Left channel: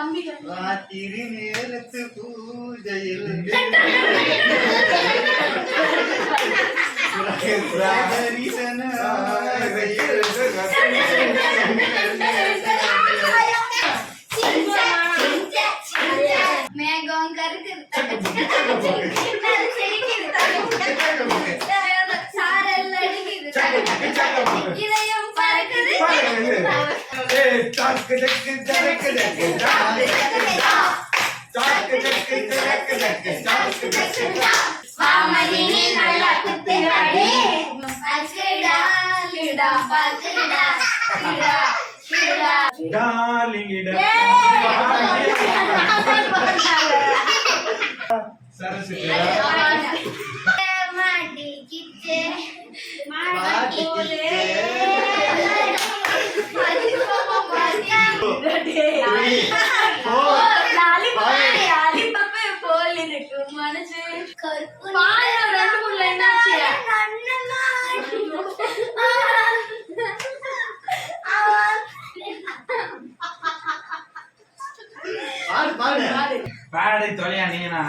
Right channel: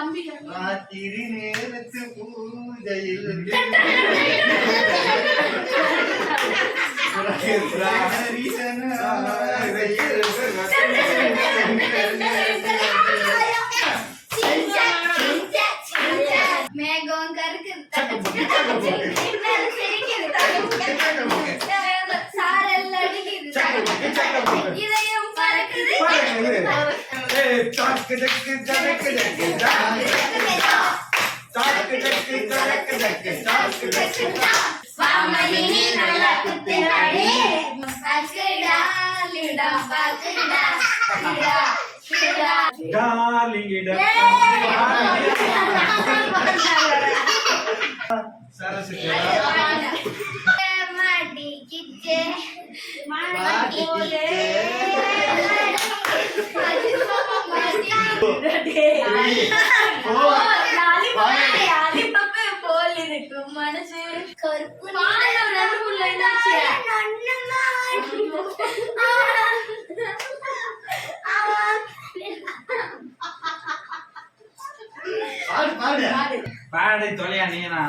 ராத்திரி நேரத்து பூஜையில் மேகம் கருக்கு சாரல் அடிக்குது இதயம் பறக்குது வாமதினி நல்லா குத்துறாடி பக்கடா லிடா பக்கடா லிடா லிடா டாலிங்கிட சரஸ்வதி மாடி கிச்சே மாடி போலே மனசு பாடு தொலையா நீனா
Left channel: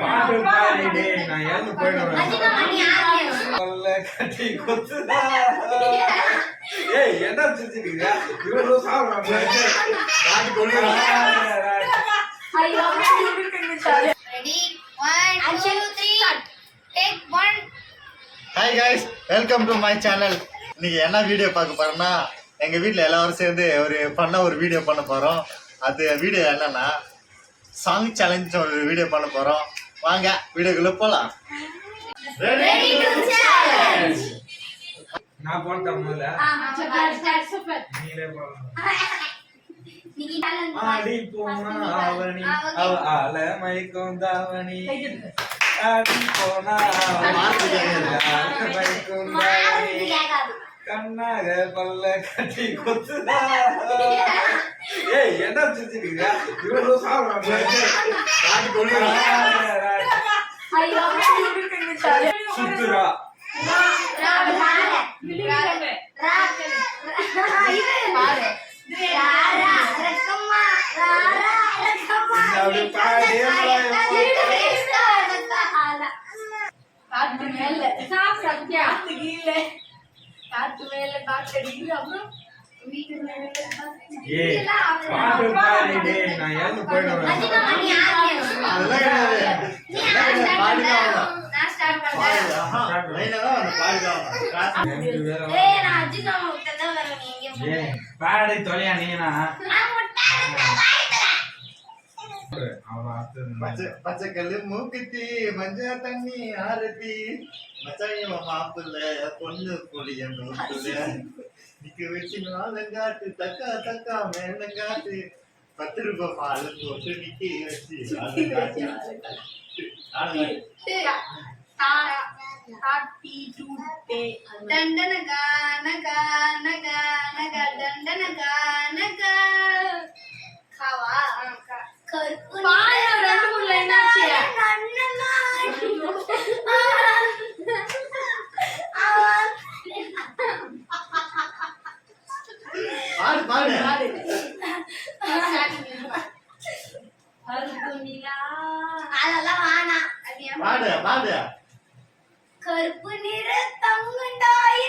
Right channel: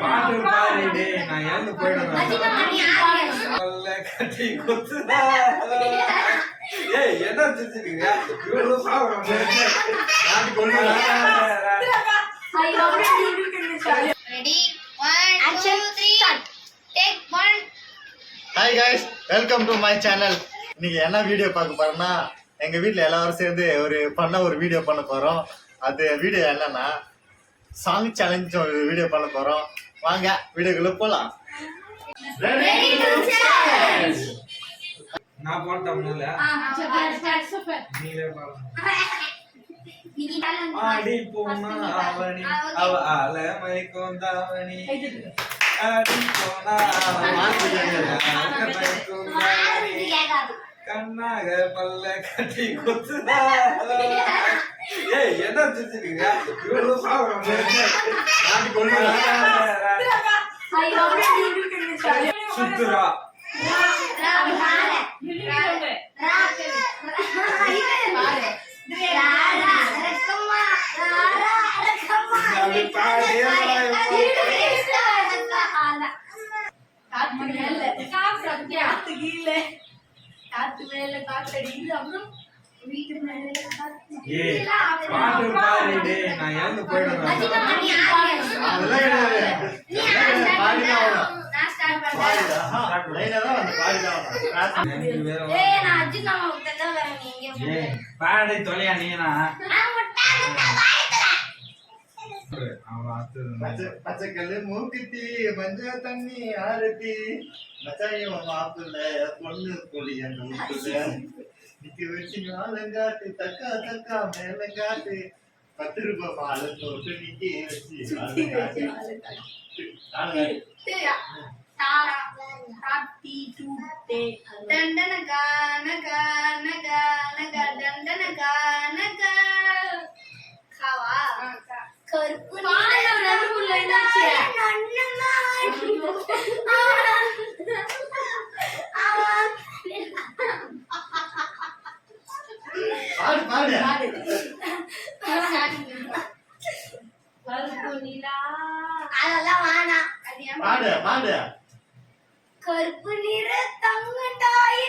பாட்டு பாடிடு நான் ஏந்து போயிடுவேன் கட்டி கொத்துதா ஏய் என்ன செஞ்சிருக்கியா இவ்வளவு சாப்பிடுறாங்க hi guys, welcome to my channel. இன்னைக்கு என்ன வீடியோ பார்க்க போறோம்னா, எங்க வீட்டில் எல்லாரும் சேர்ந்து ஒரு வீடியோ பண்ண போறோம். அது வீடியோ என்னன்னா சாங் சேலஞ்ச் ஒரு வீடியோ பண்ண போறோம். வாங்க வீடியோக்குள்ள போலாம். நான் போட்டேன் முதல்ல. நீங்களே பாருங்க. ஆடி போனா அவனி அவ ஆல மயக்கும் தாவணி ஆடி போனா மயக்கும் தாவணி கண்ணாக பல்ல கட்டி கொத்துதா. ஏய் என்ன செஞ்சிருக்கியா இவ்வளவு சாப்பிடுறாங்க சுத்துரா காத்து மேல காத்தடிக்குது அப்புறம் வீட்டு மேல பாட்டு பாடிடு நான் ஏந்து போயிடுவேன். பாடி தொலையா நீனா பச்சைக்கல்லு மூக்குத்தி மஞ்ச தண்ணி ஆரத்தி மச்சாயும் மாப்பிள்ள பொண்ணு பொழிய நிக்க வச்சு மேலங்காட்டு தக்கா தக்கா மேலங்காட்டு 10 ரூபாய் மாலை போட்டு நிக்க வச்சு கருப்பு நிற தங்கண்டாய்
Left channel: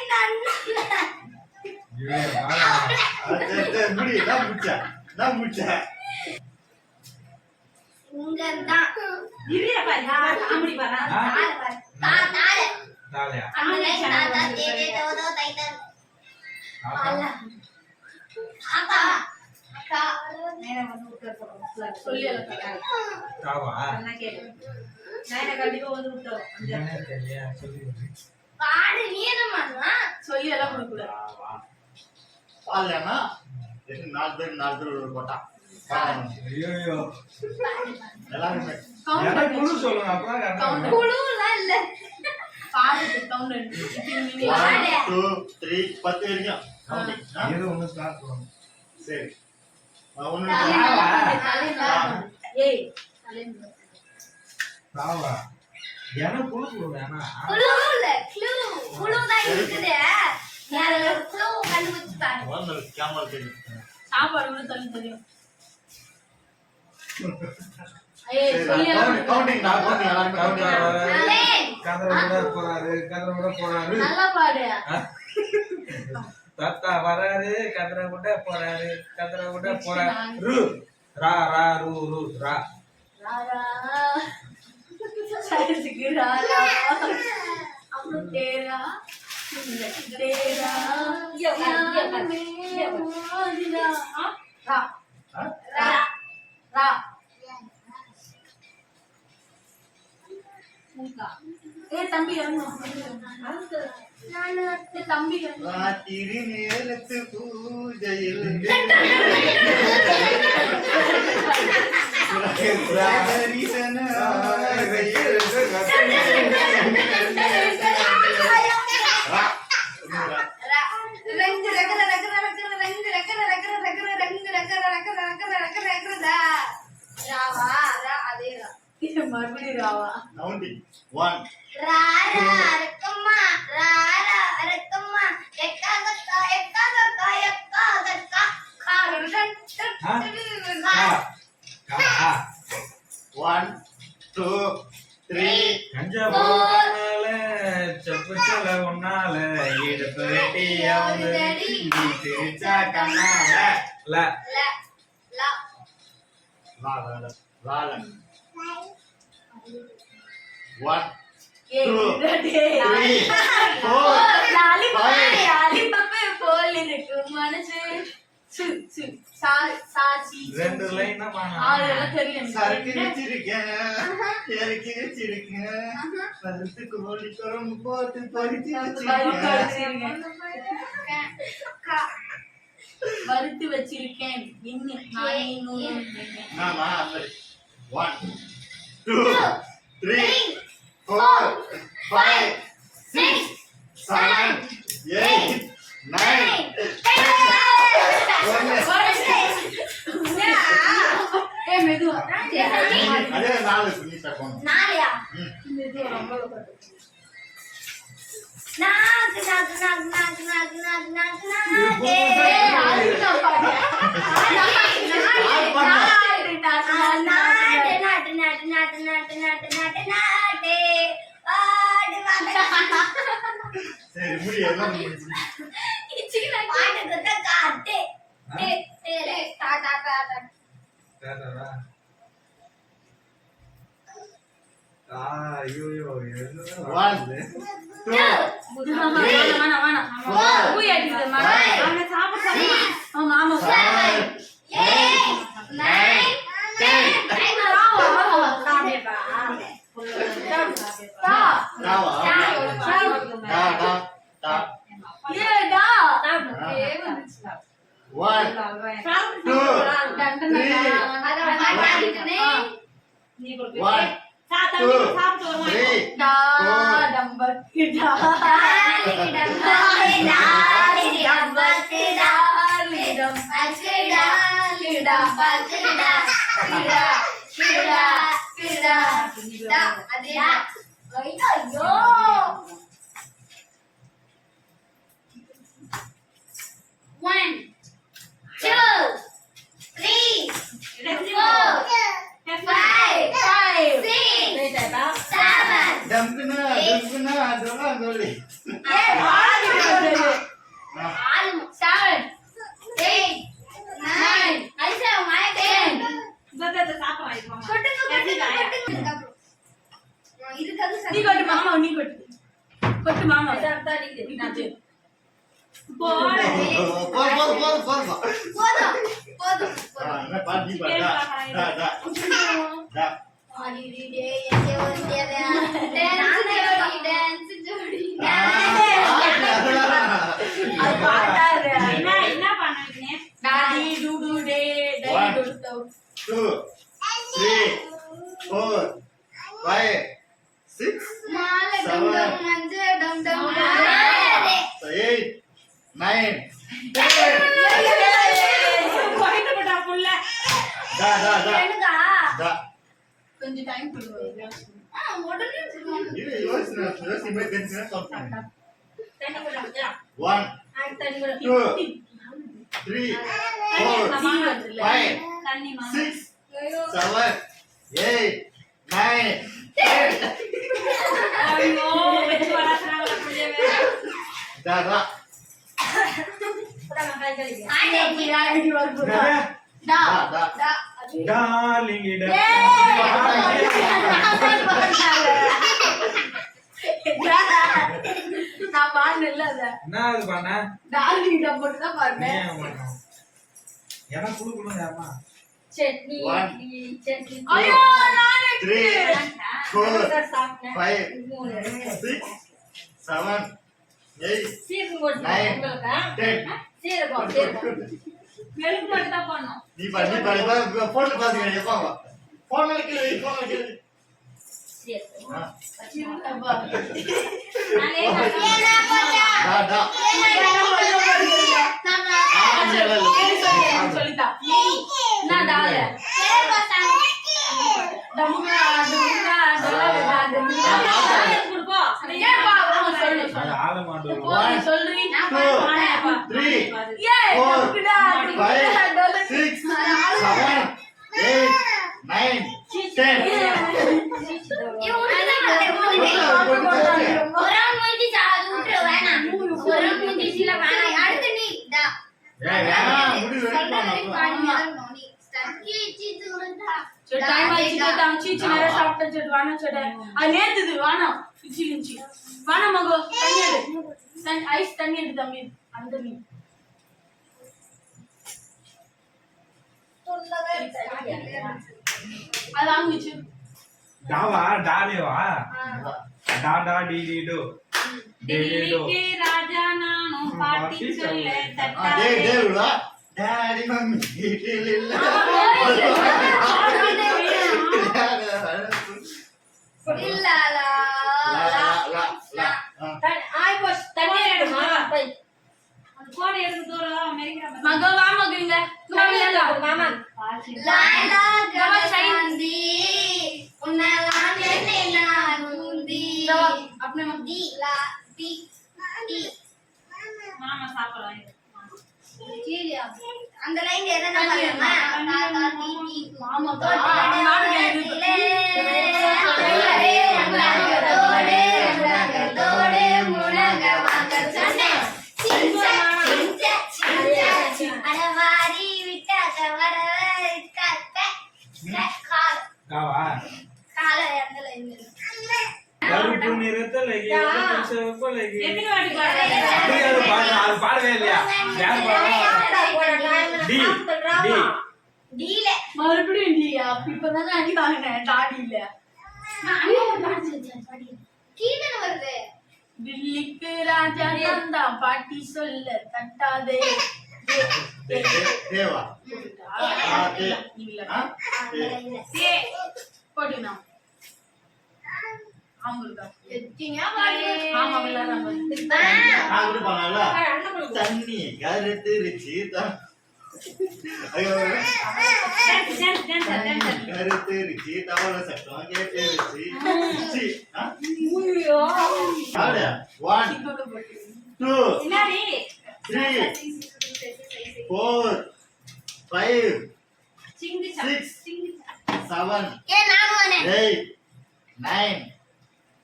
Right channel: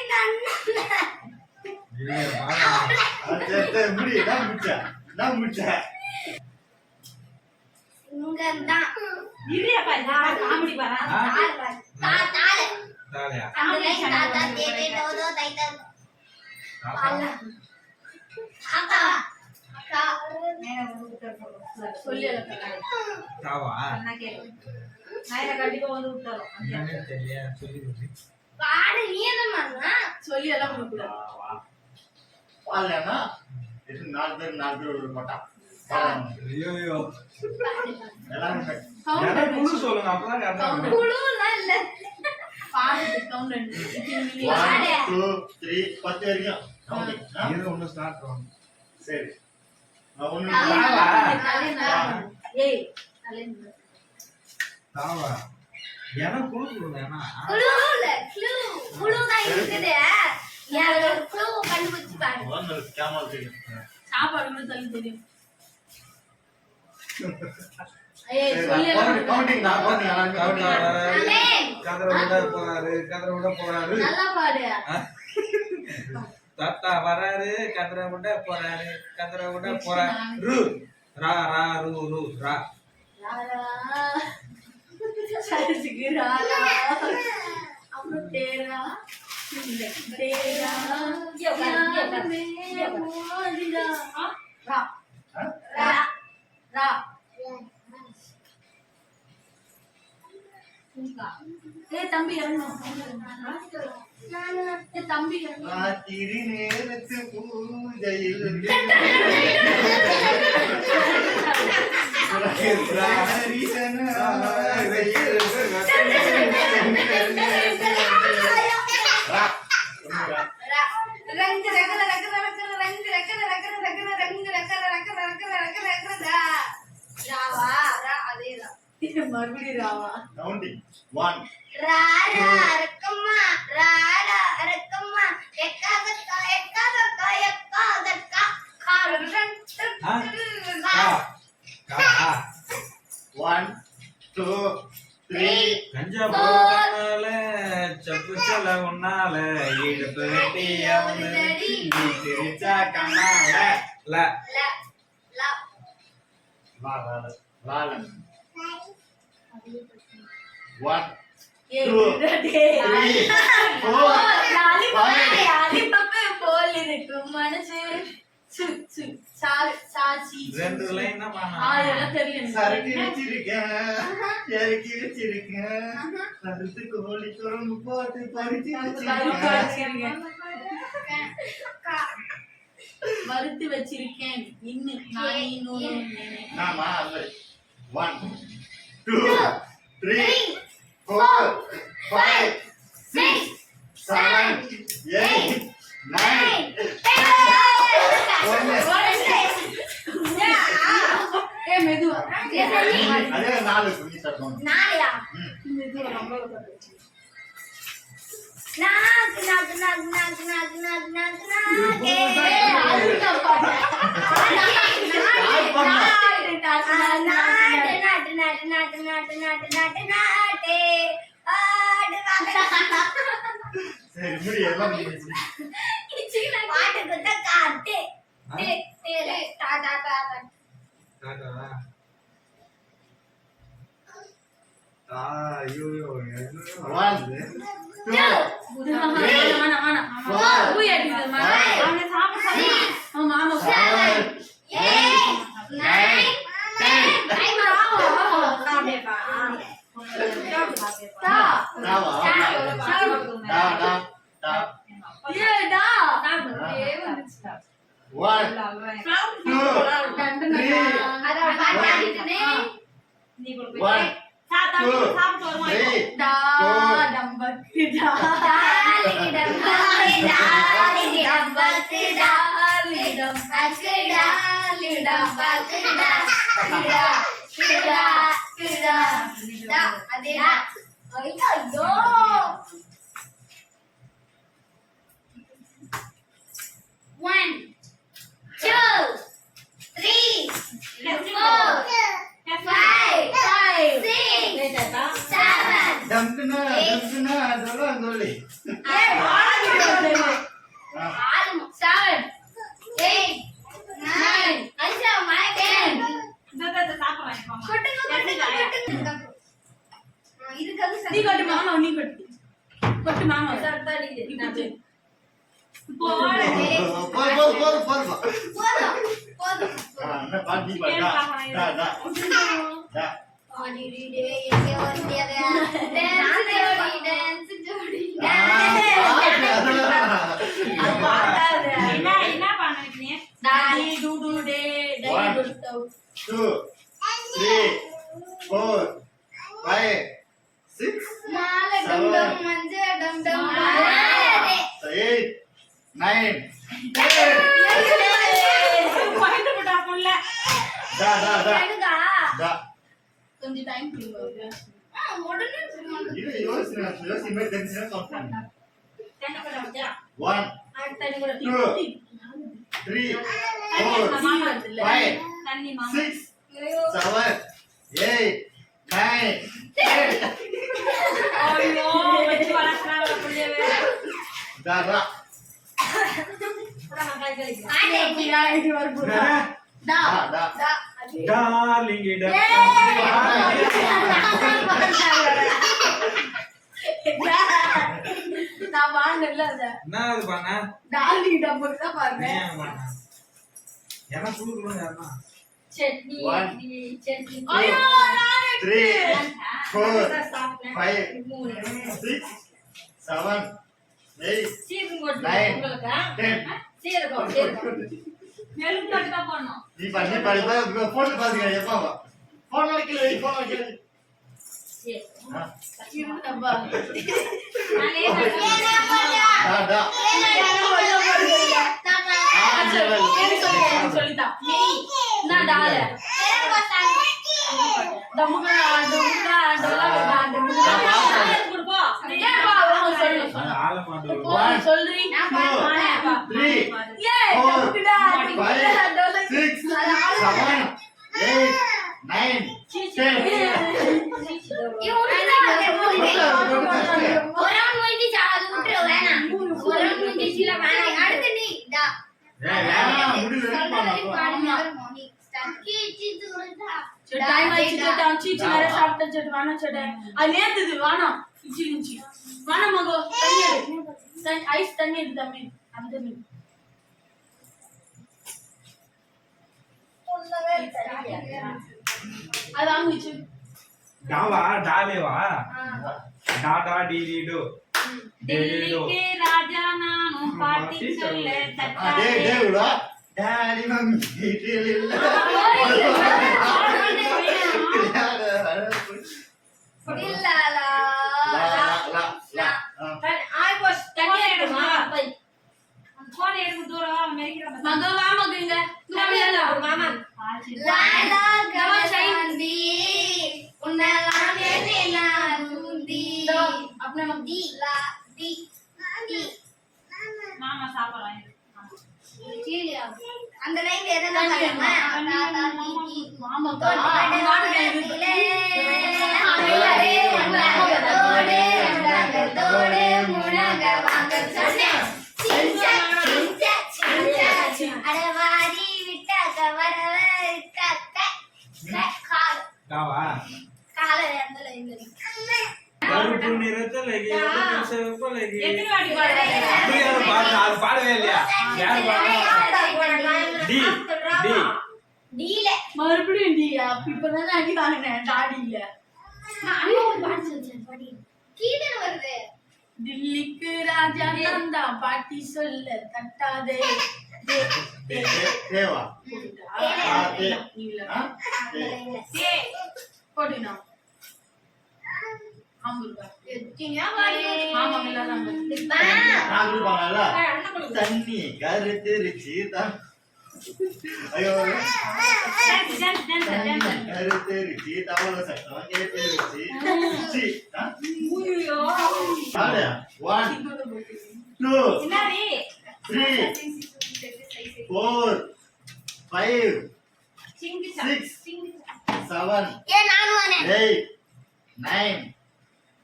நீ அதுல ஒரு clue கண்டுபிடிச்சு பாரு. ஒன்னு கேமரா தெரியும். சாப்பாடு கூட தள்ளி தெரியும். ஏய், ஏய் சொல்லி கவுண்டிங் நான் கவுண்டிங் எல்லாரும் கவுண்டிங். ஏய், கதற விட போறாரு நல்லா பாடு. தாத்தா வராரு கதற விட போறாரு ரு ரா ரா ரு ரு ரா ராரா. சரிக்கு ராரா. அப்புறம் தேரா. தேரா. யாருமே மோதிரா. ரா. ரா. ரா. ஏய் தம்பி இறங்கு. ஏய் தம்பி இறங்கு. ராத்திரி நேரத்து பூஜையில் ரங்கு ரக ரக ரக ரங்க ரக ரக ரக ரக ரங்க ரக ரக ரக ரக ரக ரக ராவா ரா அதேதான். மறுபடியும் ராவா. கவுண்டிங் 1 ராரா ரக்கம்மா ராரா ரக்கம்மா எக்காகக்கா எக்காகக்கா எக்காகக்கா காரன் கா கா 1 2 3 கஞ்சா போனால செப்பு செல உன்னால இடுப்பு வெட்டியாவது நீ சிரிச்சா கண்ணால ல ல ல வாலன் 1 ஏய் 2 டேய் 3 4 லாலிபப் போல் இருக்கும் மனசு சு சு சா சாச்சி ரெண்டு லைன் தான் அதெல்லாம் தெரியும். சரக்கு வச்சிருக்கேன் இறக்கி வச்சிருக்கேன் கருத்து கோழி குரம்பு போட்டு பறிச்சு வச்சிருக்கேன் வறுத்து வச்சிருக்கேன் இன்னும் நானே நூறு நாமா அது 1 2 3 4 5 6 7 8 9 ஏய் மெதுவா அதே 4 புள்ளி தப்போம் நாளையா மெதுவா ரொம்ப நாக்கு நாக்கு நாக்கு நாக்கு நாக்கு நாக்கு நாக்கு நாக்கு ஏய் அதுக்கு பாரு நாட்டு நாட்டு நாட்டு நாட்டு நாட்டு நாட்டு நாட்டு நாட்டு பாடு சரி முடி எல்லாம் முடிச்சு பாட்டு குத்த காட்டு டா டா டா டா ஐயோ 1 2 வேணாம் பூ ஏத்திது மாமா சாப்பிடு மாமா 7 8 9 10 தாவா டா டா டா 1 2 3 நீ 1 ஐயோ 1 2 3 4 5 6 7 டம்குனா அதெல்லாம் சொல்லி நீ கொட்டு மாமா நீ கொட்டு கொட்டு மாமா நீ கொட்டு போடு என்ன பாட்டி பாட்டா டா டா டா அது பாட்டாரு என்ன பண்ணீங்க டாடி டுடு டே டை டு 2 3 4 5 6 8 9 பாயிண்ட் போடா புள்ள டா டா டா டா கொஞ்சம் டைம் கொடுங்க இது யோசி மே தெரிஞ்சா சொல்றேன் 1 2 3 4 5 தண்ணி மாமா 6 7 8 9 10 ஐயோ வெச்சு வளர்க்கறாங்க புள்ளையவே தாரா டா டா டா டார்லிங் இட நான் பாடல அத என்ன இது பண்ண டார்லிங் டப்பர் தான் பாருங்க ஏன் பண்ண எனக்கு குடுக்கணும் யாரமா சட்னி One. சட்னி ஐயோ நானே 3 4 சாப்பிட்டேன் 5 6 7 8 சீரகம் போட்டு Nine. உங்களுக்கு 10 சீரகம் மெழுகு போட்டு தான் பண்ணோம் நீ பண்ணி போட்டு பாத்துக்க எப்பா போன் வைக்கல போன் வைக்கல சீரகம் ஆ. சின்னப்பா நானே டா டா சொல்லிட்டா நான் டால டமுகா டமுகா டலகா டமுகா கொடுப்போம் ஏப்பா அவங்க சொல்லு அந்த ஆள மாட்டோம் One. சொல்றீ 2 3 ஏ 4 டமுகா 5 டலகா 6 7 8 9 10 ஏய் வேணாம் முடிவு டைம் ஆயிடுச்சு சீச்சு நிறைய சாப்பிட்ட செட்டு வேணாம் செட்டு அது நேத்துது வேணாம் இச்சி இஞ்சி வேணாம் மகோ தண்ணி எடு ஐஸ் தண்ணி எடு தம்பி அந்த தண்ணி அது வாங்கிச்சு டாவா டாலேவா டா டா டி டி டு டி டி டு டெல்லிக்கு ராஜா நானும் பாட்டி சொல்ல டேய் டேய் விடா டாடி மம்மி வீட்டில் இல்ல லா லா லா லா தண்ணி எடுமா அந்த கோடை எடுத்து தூரம் அமெரிக்கா மகோ வா மகங்க மாமா अपने மாமா சாப்பிடலாம் அந்த லைன் எதனா மாமா அடவாரி விட்டாக்க டாவா கால அந்த லைன் கருப்பு நிறத்தலகி செவப்பலகி எத்தனை வாட்டி பாடுற அப்படியே அது பாடுங்க அது பாடவே இல்லையா யார் பாடுறா டி டி டீல மறுபடியும் டியா இப்பதான் அடி வாங்கினேன் டாடி இல்ல கீழே வருது டில்லிக்கு ராஜா நந்தா பாட்டி சொல்ல தட்டாதே தேவா போட்டுனா ஆம்பூர்கா எத்தனையா பாடுங்க ஆமா விளையாடுறாங்க நான் கூட பண்ணல தண்ணி கருத்துருச்சு ஐயோ கருத்துருச்சு தவள சட்டம் கேட்டுருச்சு சி ஐயோ 1 2 என்னடி 3 4 5 சிங்கி 6 சிங்கி 7 ஏ நான் வானே 8 9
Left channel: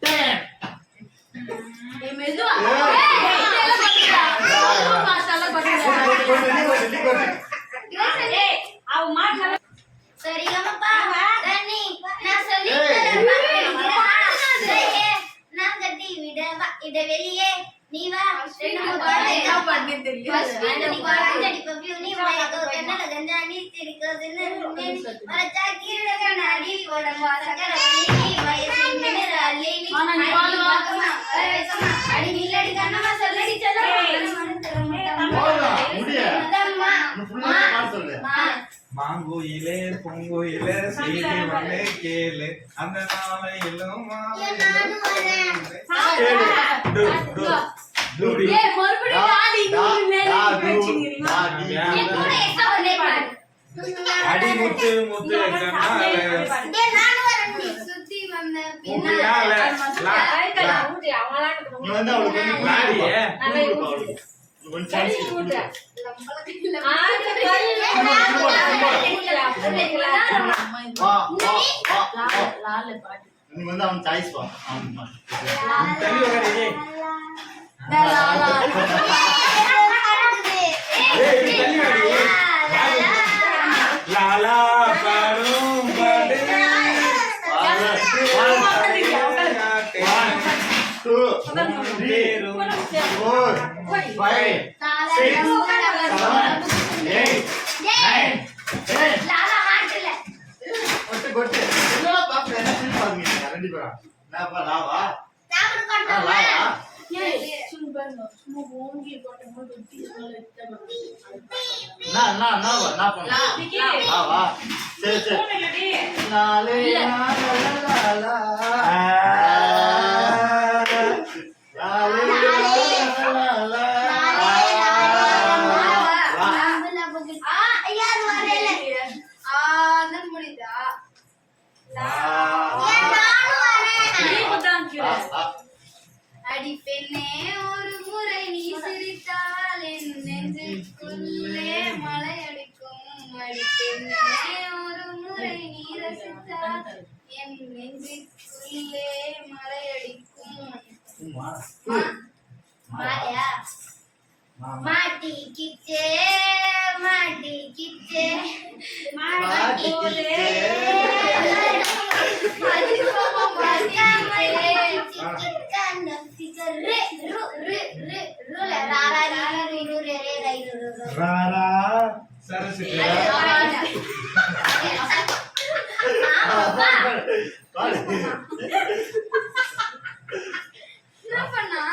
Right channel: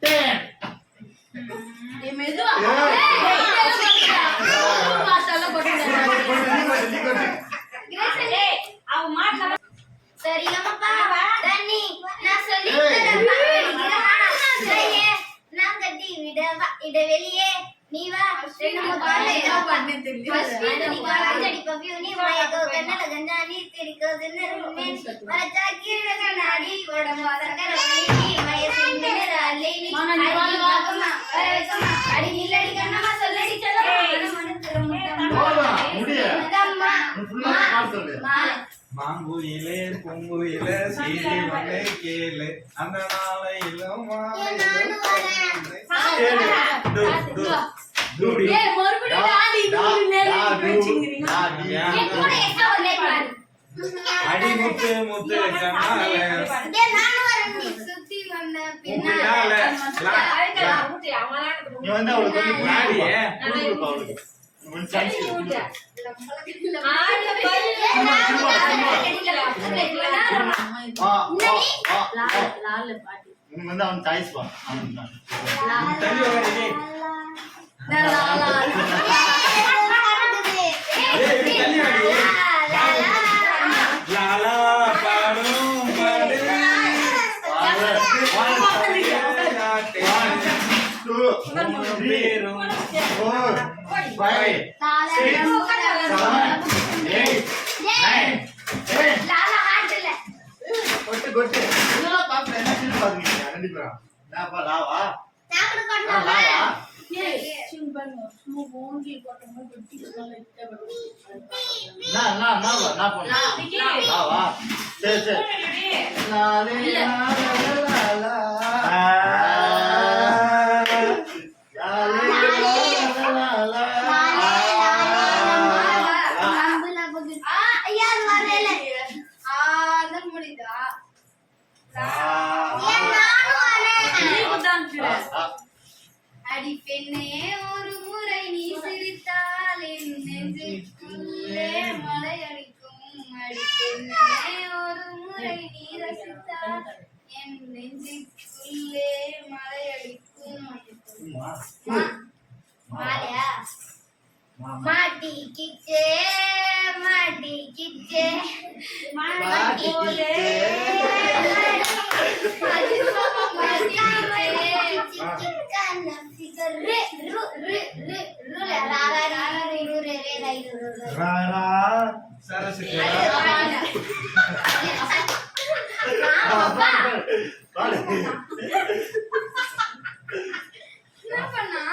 10 ஏ மெதுவா ஏய் அவ மாட்டல சரியாமப்பா தண்ணி நான் சொல்லி நான் கட்டி விடவா இட வெளியே நீ வா ரெண்டு முத்தாலே நீ வாடி பப்பியூ நீ மயக்கோ கண்ணல கண்ணா நீ திரிக்கோதுன்னு மரச்சா கீழ கண்ணாடி உடம்பு சக்கரவள்ளி நீ மயசின் மினராலி நீ அடி நில்லடி கண்ணமா சொல்லடி மாங்குயிலே பொங்குயிலே சீனி வண்ணே கேளு அந்த நாளையிலும் கேளு டு டு டுடி அடி முத்து முத்து கண்ணால சுத்தி வந்த பின்னால லா லா நீ வந்து அவளுக்கு லாடியே ஒன் சான்ஸ் லால பாட்டு நீங்க வந்து அவன் சாய்ஸ் வா அவன் தள்ளி உட்காரு தள்ளி வாடி லாலா பாடும் பாடு பேரும் 4 5 கொட்டு கொட்டு என்ன பாப்பா என்ன சின்ன பாத்துங்க ரெண்டு பேரும் நாப்பா லாவா லாவா ஏய் சும்மா பாருங்க சும்மா ஓங்கி போட்டோமா வெட்டி சொல்ல நான் பண்ணு லாவா சரி சரி லாலே லா அடி பெண்ணே ஒரு முறை நீ சிரித்தால் என் நெஞ்சுக்குள்ளே மலை அடிக்கும் அடி பெண்ணே ஒரு முறை நீ ரசித்தால் என் நெஞ்சுக்குள்ளே மலை அடிக்கும் மாயா மாட்டிக்கிச்சே மாட்டிக்கிச்சே சரஸ்வதி என்ன பண்ணா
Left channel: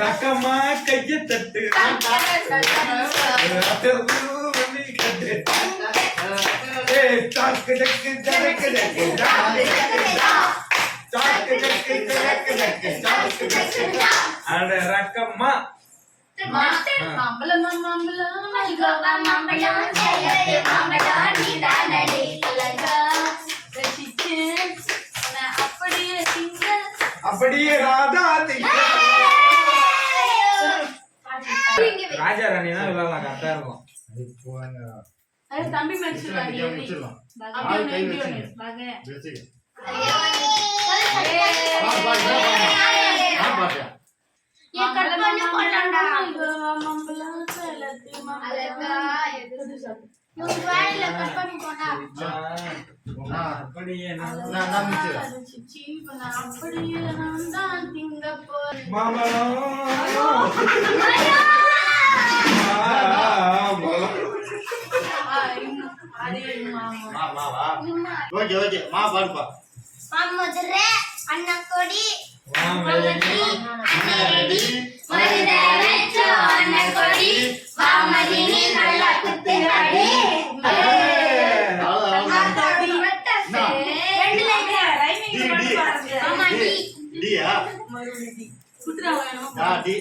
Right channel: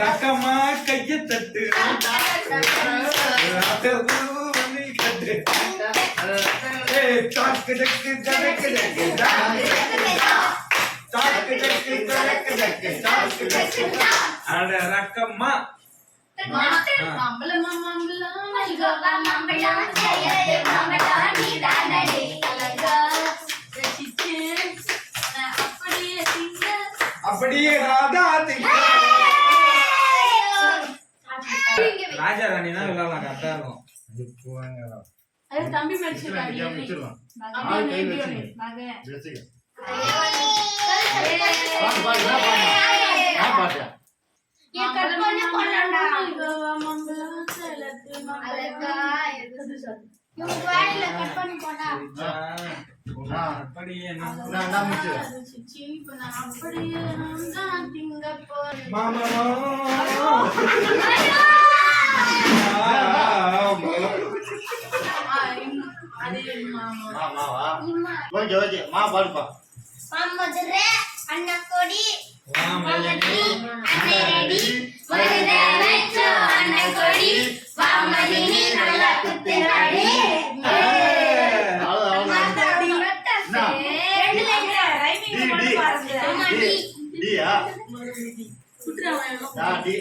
ரக்கமா கைய தட்டு சாக்கு டக்கு ஜடக்கு டக்கு சாக்கு டக்கு ஜடக்கு டக்கு சாக்கு டக்கு அட ரக்கமா மாம்பழம் அப்படியே திங்க அப்படியே ராதா ராஜா ராணி தான் விளையாடலாம் கரெக்டா இருக்கும் அது தம்பி மச்சிருவாங்க முடிச்சிடலாம் அப்படியே மேய்க்கணும் வாங்க ஏன் கட் பண்ணி போடலாம்டா மாம்பழம் சேலத்து மாம்பழம் வாயில கட் பண்ணி போட்டா அப்படியே சிச்சி இப்ப நான் அப்படியே நான் தான் திங்க போறேன் அதே மாமா ஓகே ஓகே மா பாடுப்பா மதுரை அன்னக்கொடி வாமதி அன்னக்கொடி வாமதினி நல்லா குத்துறாடி டியா குட்டுறாங்க டி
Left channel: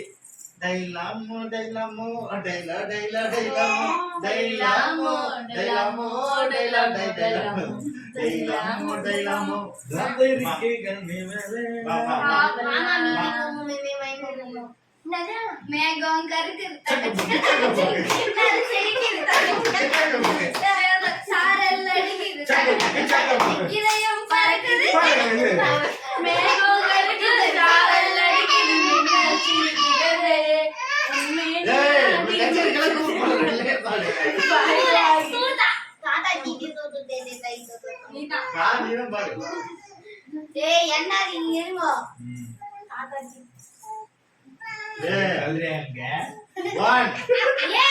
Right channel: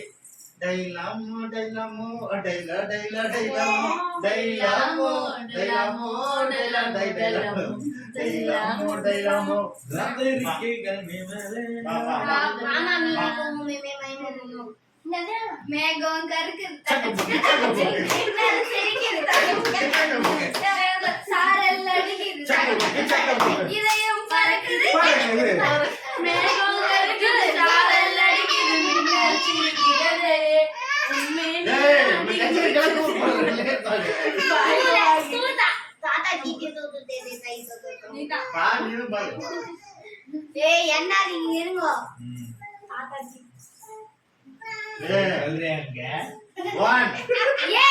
டைலாமோ டைலாமோ டைலா டைலா டைலாமோ டைலாமோ டைலாமோ டைலா டைலாமோ டைலாமோ டைலாமோ ராத்திரிகள் மேலே மேகம் கருக்கு சாரல் அடிக்குது இதயம் பறக்குது மேகம் கருக்குது சாரல் அடிக்குது மின்னல் சிரிக்கிறது என்ன இங்க இருங்கோ ஏ 1 ஏ